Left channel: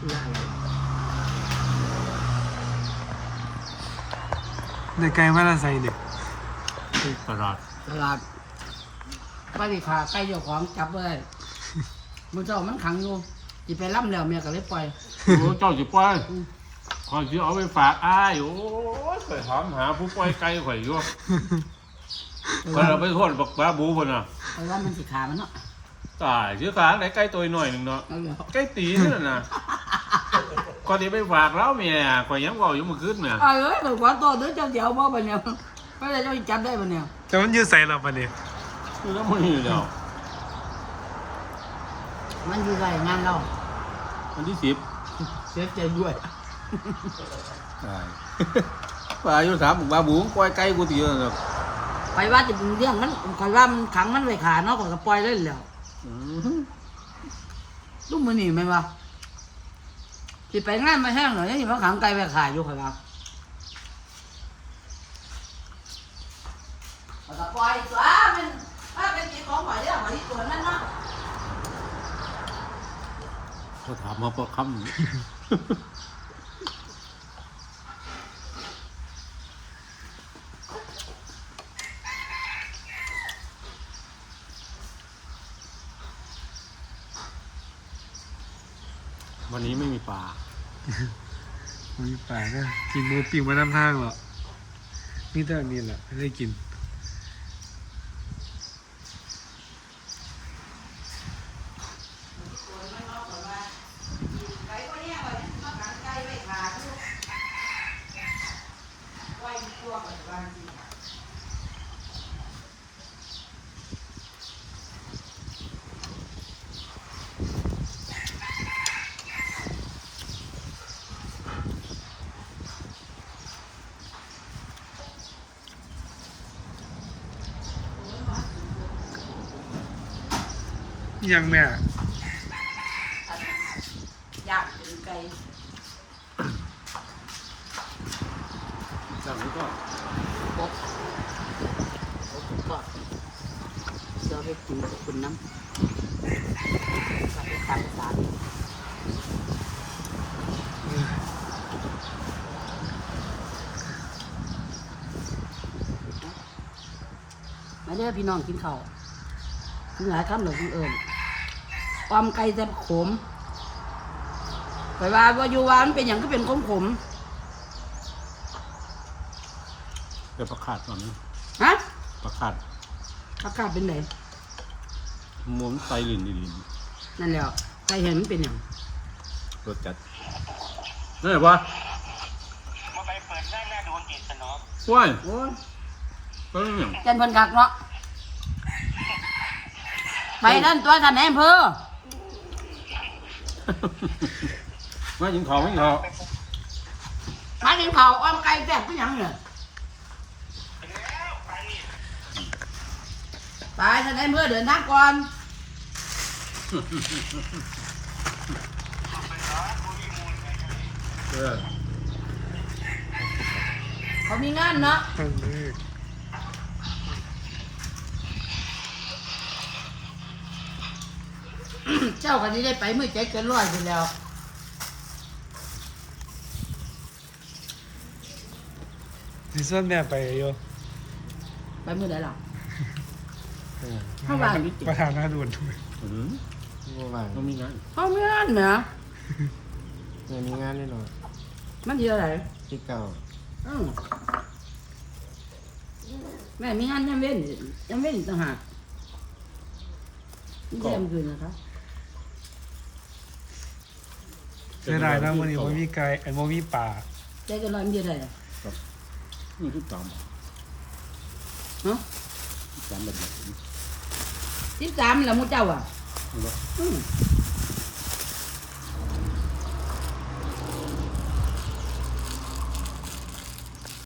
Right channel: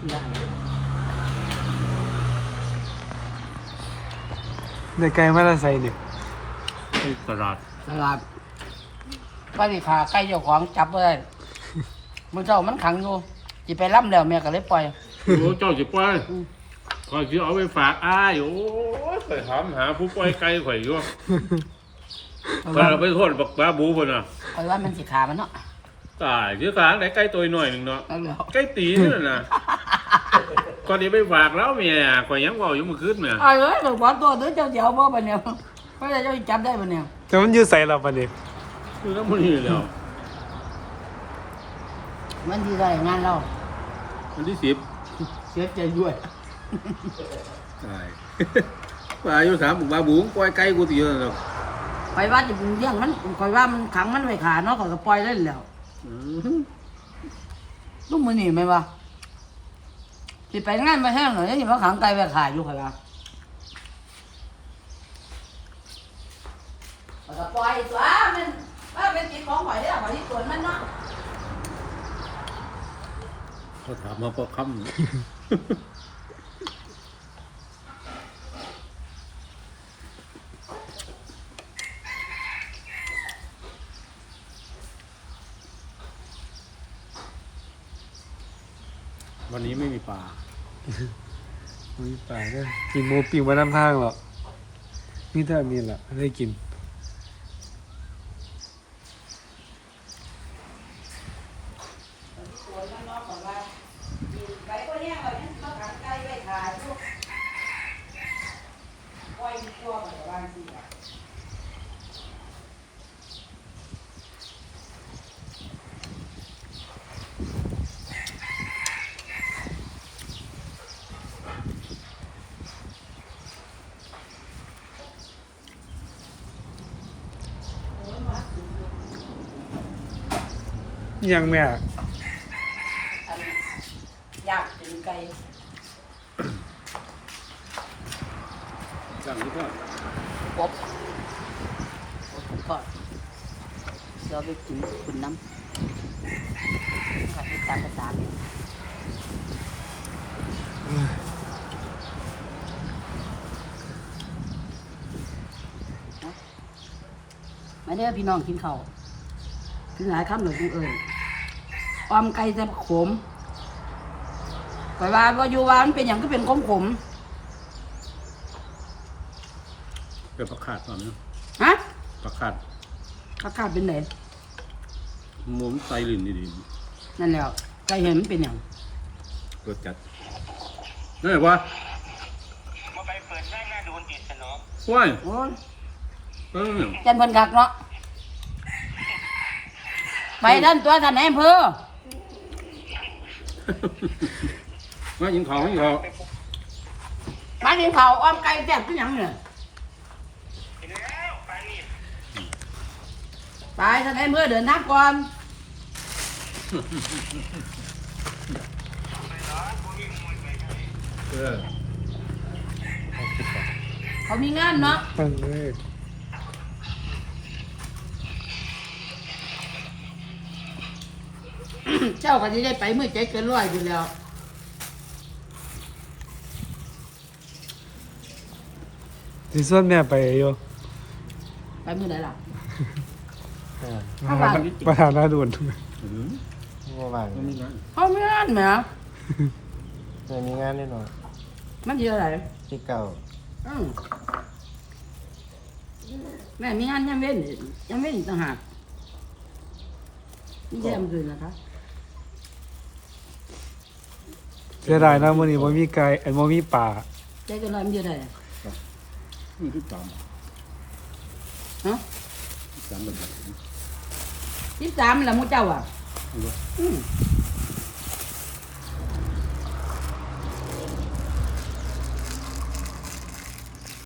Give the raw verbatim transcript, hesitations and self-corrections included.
เด็กไก่มาละใส่เด็กตลาดตลาดไปดิขาไก่เจ้าของจับเลยมันเจ้ามันขังอยู่จีไปล่ำแล้วแม่ก็เลยปล่อยโอ้เจ้าจะปล่อยคอยจะเอาไปฝากอ้ายโอ้ยข่อยถามหาผู้ปล่อยไก่ข่อยอยู่ข่อยเอาไปโทษบักบ้าบูคนน่ะเพราะว่ามันสิขามันเนาะตายชื่อขางไหนไก่ตัวหน่อยหนึ่งเนาะนั่นแหละไก่ตีนี่น่ะก่อนที่ไปฝากแล้วเมียข่อยยังบอกอยู่เมื่อคืนเมียอ้อยเอ้ยขอตัวเด้อเจ้าเดี๋ยวบ่ปะเนี่ยเพราะเจ้าจับได้ปะเนี่ยแต่มันอยู่ใส่เราปะเนี่ยคือแล้วมันนี่แล้วมันดีได้งานเราวันที่สิบเสียใจด้วยตายว่าอยู่ถามบักบ้าบูปล่อยไก่กูตีแล้วเนาะไปว่าจะเลี้ยงมันคอยว่ามันขังมันไว้ขาเนาะก็ปล่อยเล่นแล้วอืมลูกมือหนีไหมวะสิไปงานไปแห้งหน่อยยังมาขังไก่ไว้ขาอยู่คอยว่าก็ปล่อยตัวมันว่าเป็นกินของข่อยเด้อข่อยที่สวนมันเนาะเขาถามมาพอคำ วันนี้ไม่มีปลามีปลาเนี่ยกินโมปิวมาน้ำทางหรอกนี่เท่านี้แหละได้กินไก่ก็เนี่ยข่อยเนี่ยมาขังไก่ไว้ขาอยู่ปล่อยตัวข่อยว่าสิจ้ะยังแม่อยากกินไก่สั่งนี่ก็กบกบก่อนเดี๋ยวไปกินคุณน้ำขับไปตามภาษาเนี่ยมาเด้อพี่น้องกินข้าวกินหลายคำหรือกินเอิญออมไก่แต่ขมข่อยว่าว่าอยู่ว่ามันเป็นอย่างก็เป็นของขมเดี๋ยวประคาดก่อนนะฮะประคาดข้าวข้าวเป็นไหนหมุนไตลิ่นดีนั่นแหละไก่เห็นมันเป็นอย่างๆรสจัดนี่ปะมาไปเปิดได้หน้าโดนจิตสนอว้ายโอ้ยก็เนี่ยจันเพิ่นกักเนาะไปด้านตัวท่านนายอำเภอมายิงเขายิงเขามากินข้าวอ้อมไก่แซ่บคือหยังเนี่ยแล้วไปนี่ไปท่านนายอำเภอเดินทางก่อนเออเขามีงานเนาะตั้งเลยเจ้าก็จะได้ไปเมื่อใจเกินร้อยอยู่แล้วที่ส่วนแม่ไปอยู่ไปเมื่อไหร่ล่ะอ่าเข้าบ้านประธานหน้าด่วนอืมเมื่อวานมันมีงานเขามีงานไหมยังมีงานแน่นอนมันเยอะอะไรที่เก่าอืมแม่มีงานยังเว้นอีกยังเว้นอีกต่างหากนี่จะทำคืนนะคะเสียดายนะวันนี้มันมีไก่ไอ้มันมีปลาใจเกินร้อยมันเยอะเลยนี่ที่ตามฮะตามแบบแบบนี้สิบสามแล้วมูเจ้าอ่ะเอาละอืม